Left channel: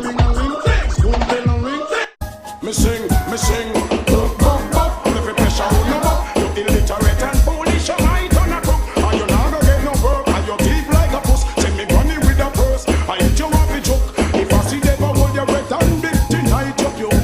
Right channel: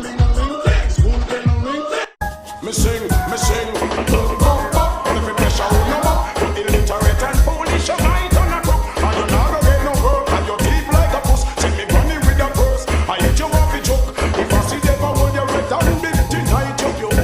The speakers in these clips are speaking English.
ling-a-ling. School bell a ring. Me sing, boop, boop, boop. If you pressure on no more, you illiterate and foolish, you might on a crook. And you not gonna get no work, and you deep like a puss. Send me granny with a purse, I eat you off the joke. If I see devil hold your red and big tonight, you puke,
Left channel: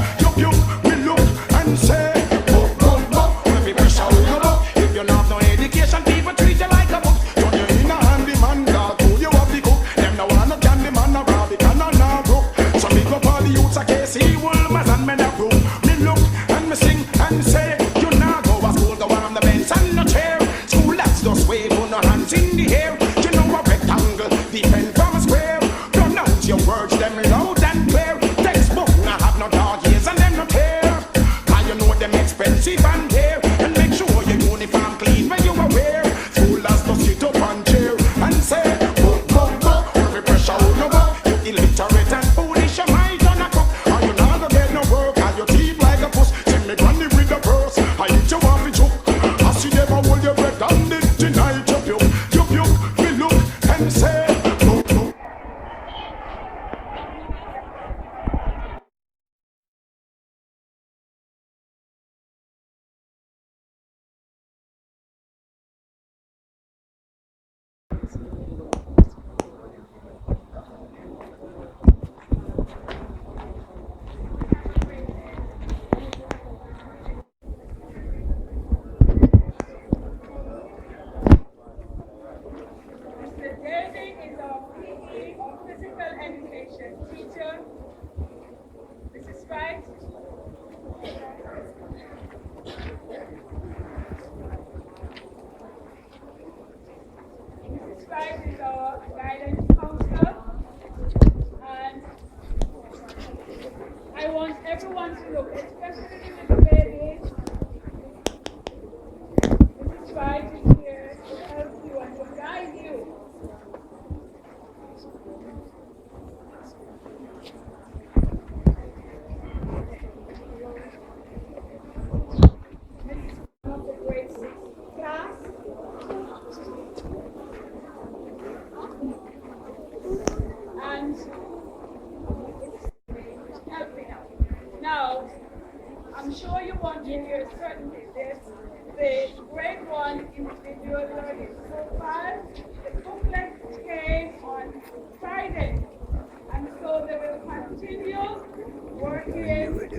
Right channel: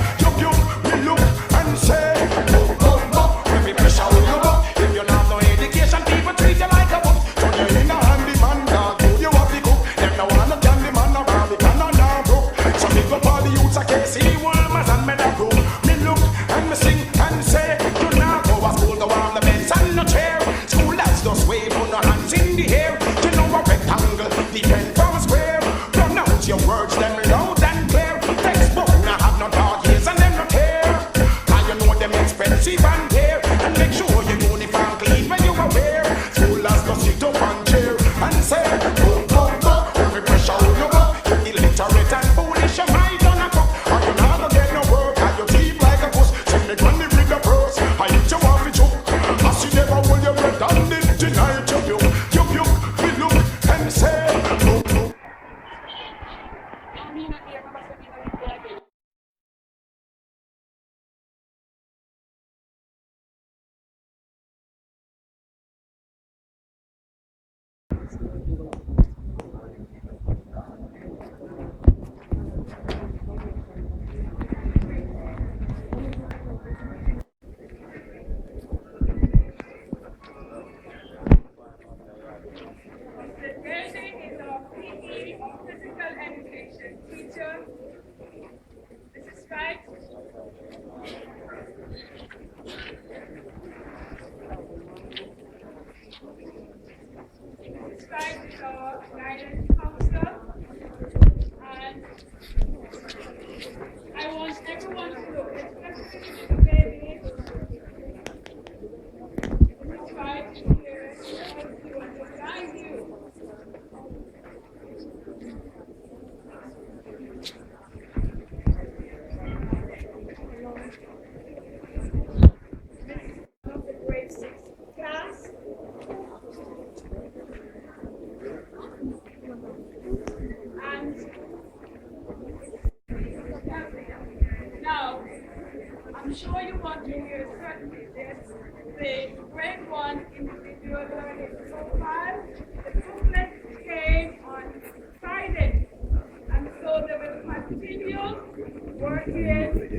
me look and say, boop, boop, boop. If you pressure on no more, if you not have no education, people treat you like a book. Turn you in a handy man, dog, food you have the cook. Them no want no candy man, no Barbican, no brook. So big up all the youths a Casey, Woolmers and Meadowbrook. Me look and me sing and say, you now go to school, go on the bench and no chair. School lads just wave on no hands in the air. You know a rectangle depend from a square. Pronounce your words them loud and clear. Textbook now have no dog ears and them no tear. Cause you know them expensive and dear. And make sure your uniform clean when you are wear. School lads just sit up and cheer and say, book, book, book. Every pressure on your book. You illiterate and foolish, you might on a cook. Or you not gonna get no work, or you thief like a puss. Send me granny with the purse, I eat you off the chook. I see never hold your bread and it tonight. You puke, me look and say, book, book. Teacher, this is right. Mrs. Wright is our guidance counselor, and I want everyone to look, especially the babies. Mrs. Wright is here to help you and to guide you. Now, I'm sure you want to hear certain tips. The grade 1 individual learning profile, the booklet came on Friday, and so they will continue working with the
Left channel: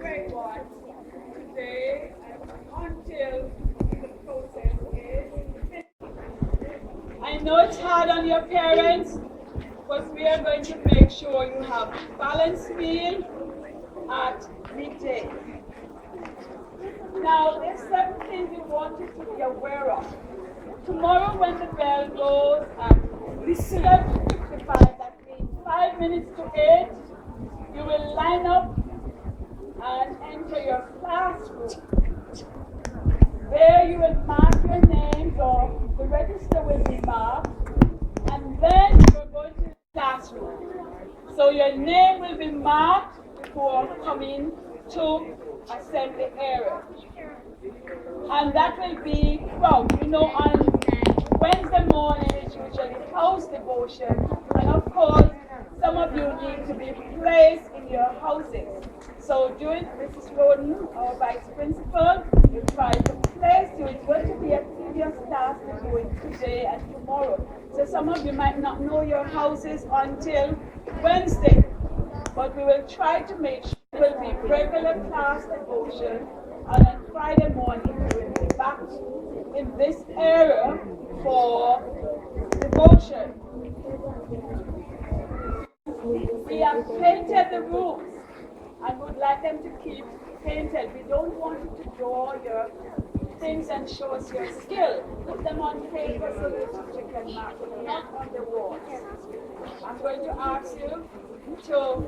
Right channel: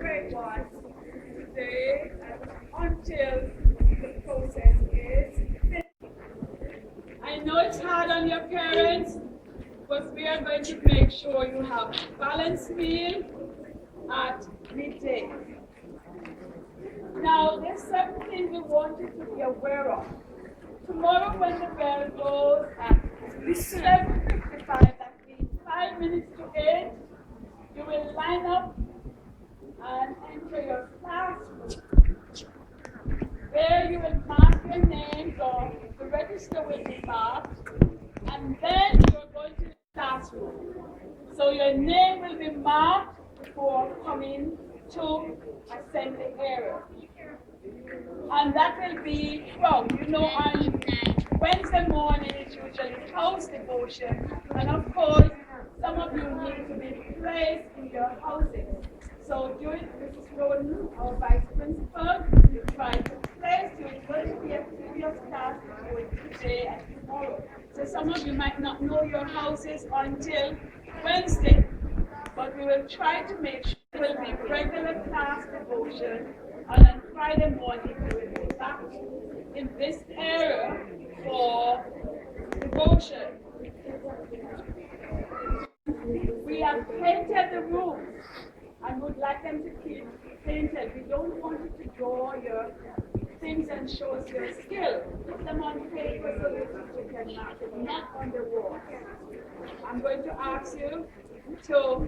grade 1 today until the process is finished. I know it's hard on your parents, but we are going to make sure you have a balanced meal at midday. Now, there's 7 things we want you to be aware of. Tomorrow when the bell goes at 7:55, that means 5 minutes to 8, you will line up and enter your classroom. There you will mark your names, or the register will be marked, and then you're going to the classroom. So your name will be marked before coming to assembly area. And that will be, well, you know, on Wednesday morning is usually house devotion, and of course, some of you need to be placed in your houses. So during Mrs. Roden, our vice principal, will try to place you. It's going to be a previous class we're doing today and tomorrow. So some of you might not know your houses until Wednesday, but we will try to make sure it will be regular class devotion, and on Friday morning we will be back in this area for devotion. We have painted the rooms and would like them to keep painted. We don't want you to draw your things and show us your skill. Put them on paper so your teacher can mark them, not on the walls. I'm going to ask you to,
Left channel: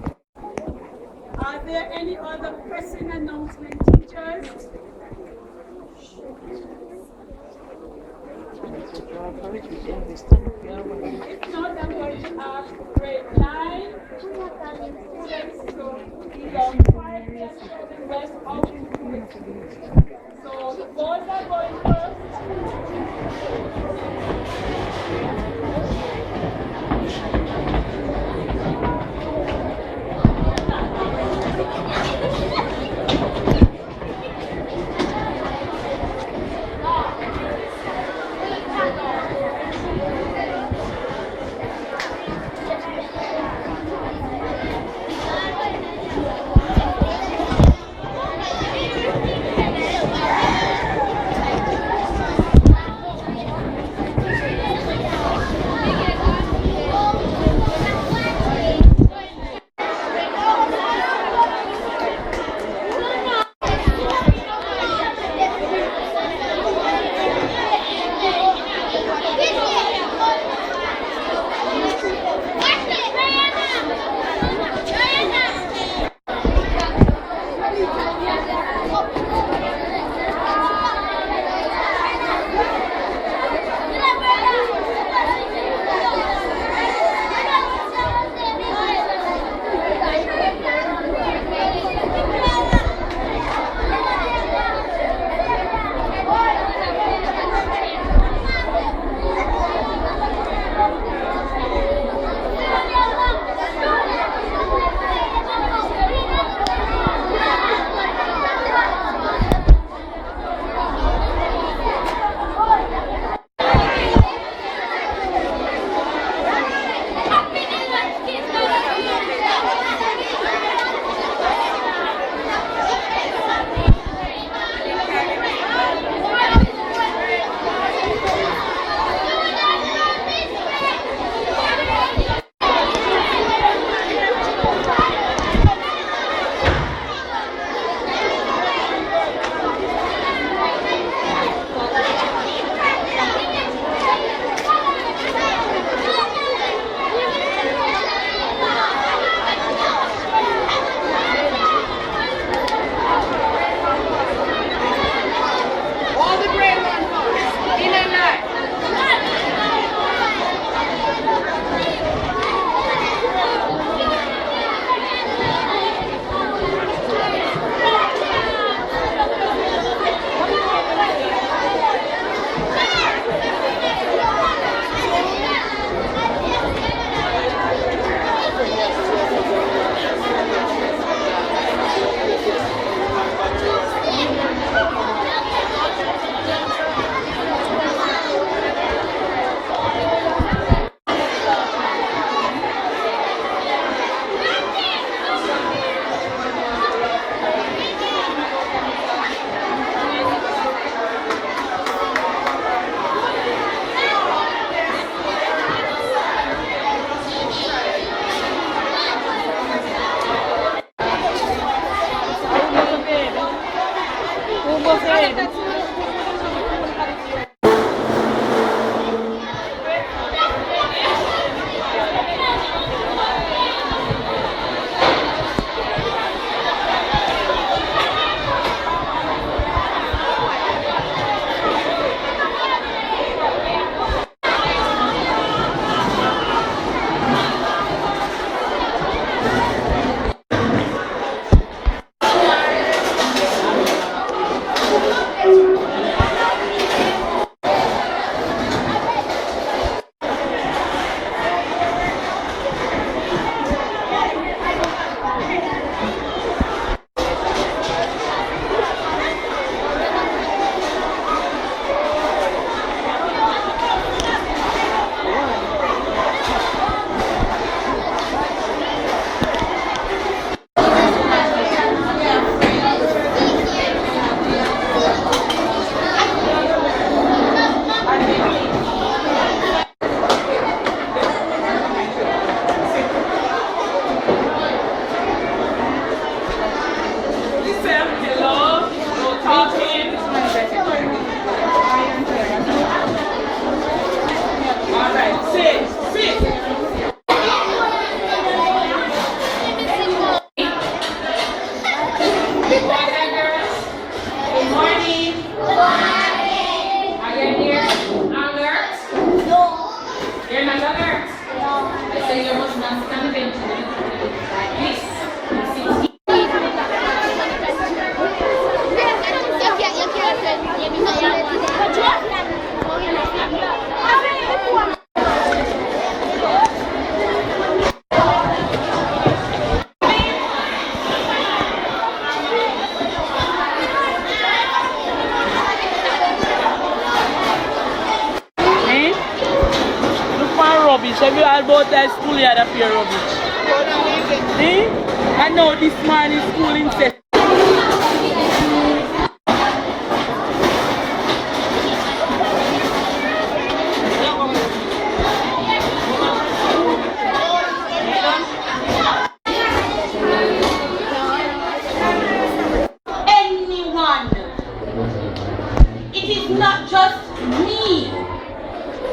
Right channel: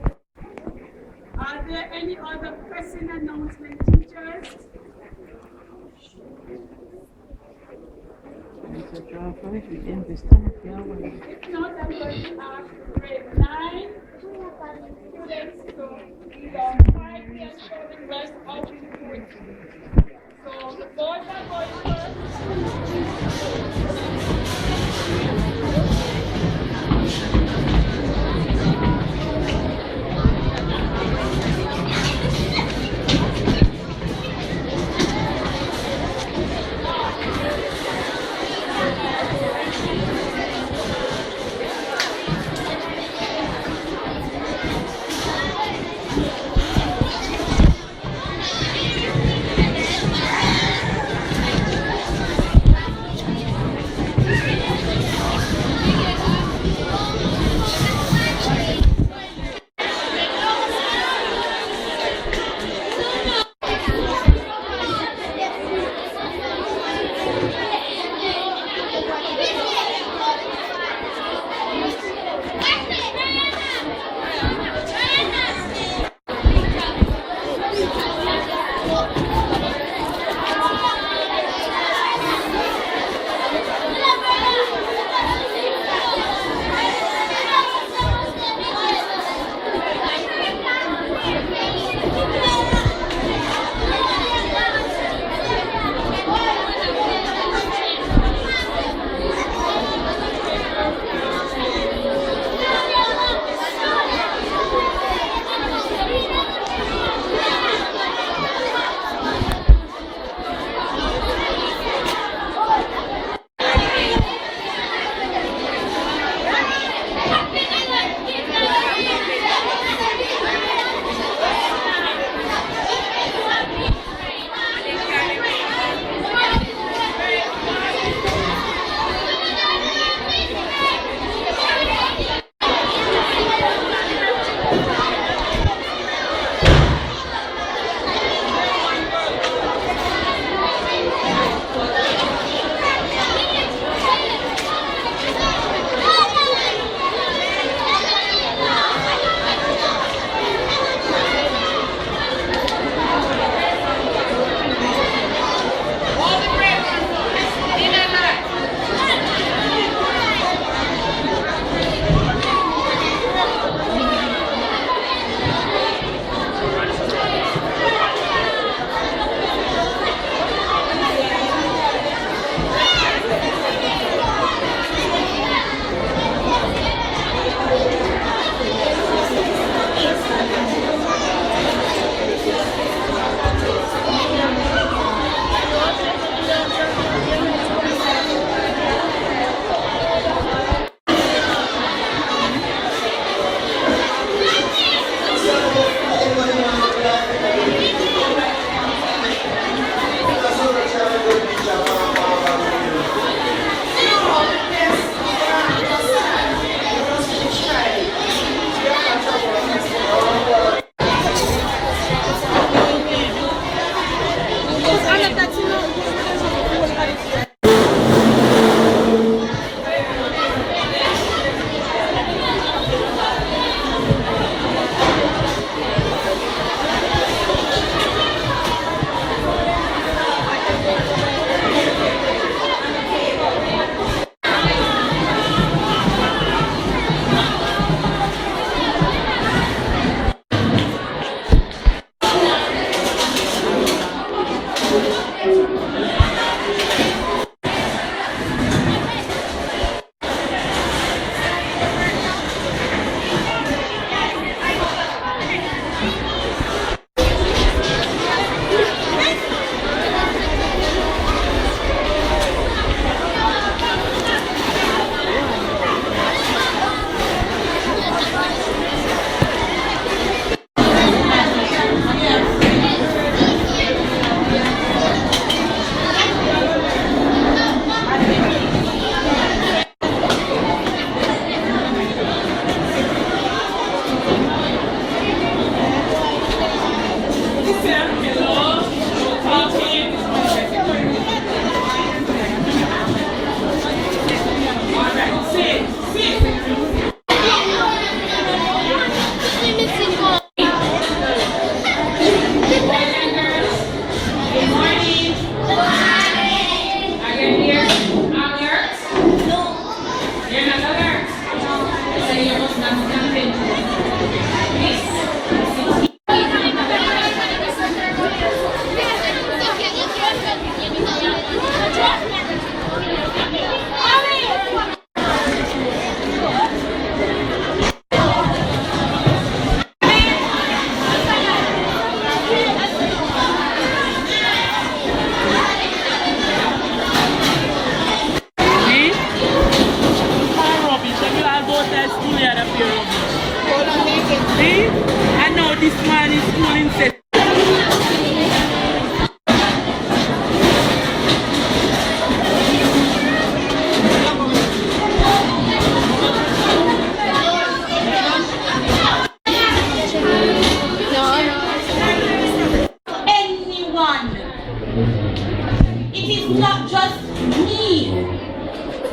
are there any other pressing announcement, teachers? If not, I'm going to ask grade 9 students to either quietly and show the rest how to do it. So the boys are going first. And now this man is schooling set. Anyone. It is not just me.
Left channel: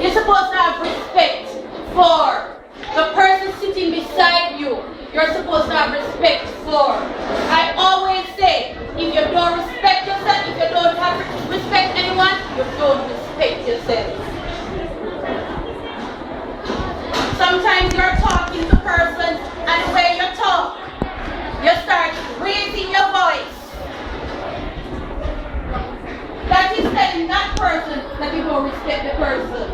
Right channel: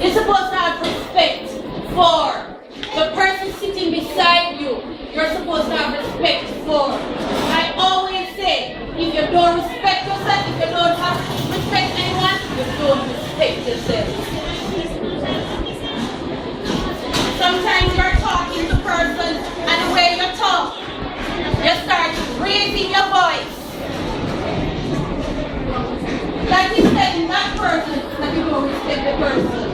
You're supposed to have respect for the person sitting beside you. You're supposed to have respect for. I always say, if you don't respect yourself, if you don't have respect anyone, you don't respect yourself. Sometimes you're talking to person and when you talk, you start raising your voice. That is telling that person that you don't respect the person.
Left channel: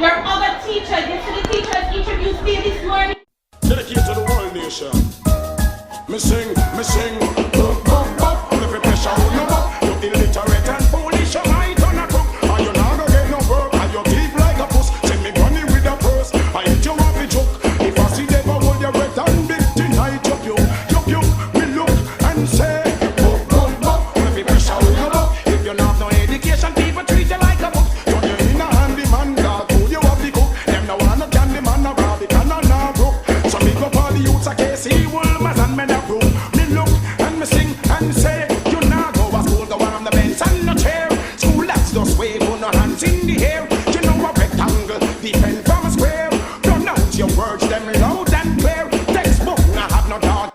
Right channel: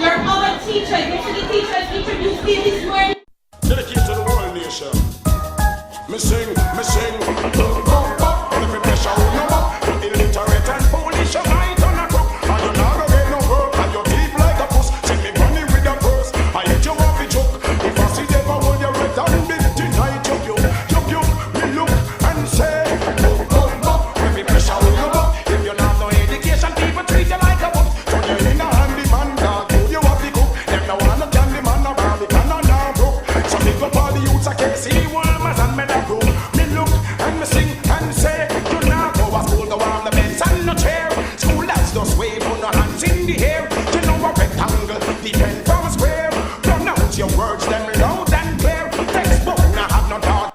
Your other teachers, you see the teachers introduced me this morning. Dedicate to the world nation. Me sing, boop, boop, boop. If you pressure on no more, you illiterate and foolish, you might turn a crook. And you not gonna get no work, and you deep like a puss. Send me running with a purse, I hit you off the joke. If I see them, I hold your red and big tonight, you puke, me look and say, boop, boop, boop. If you pressure on no more, if you not no education, people treat you like a book. Turn you in a handyman, dog, food you have the cook. Them no want no candy man, no Barbie, can no brook. So big up all the youths a KC, Woolmans and Meadowbrook. Me look and me sing and say, you now go to school, go on the bench and no chair. School lads just wave on no hands in the air. You know a rectangle depend from a square. Pronounce your words them loud and clear. Textbook now have no dog.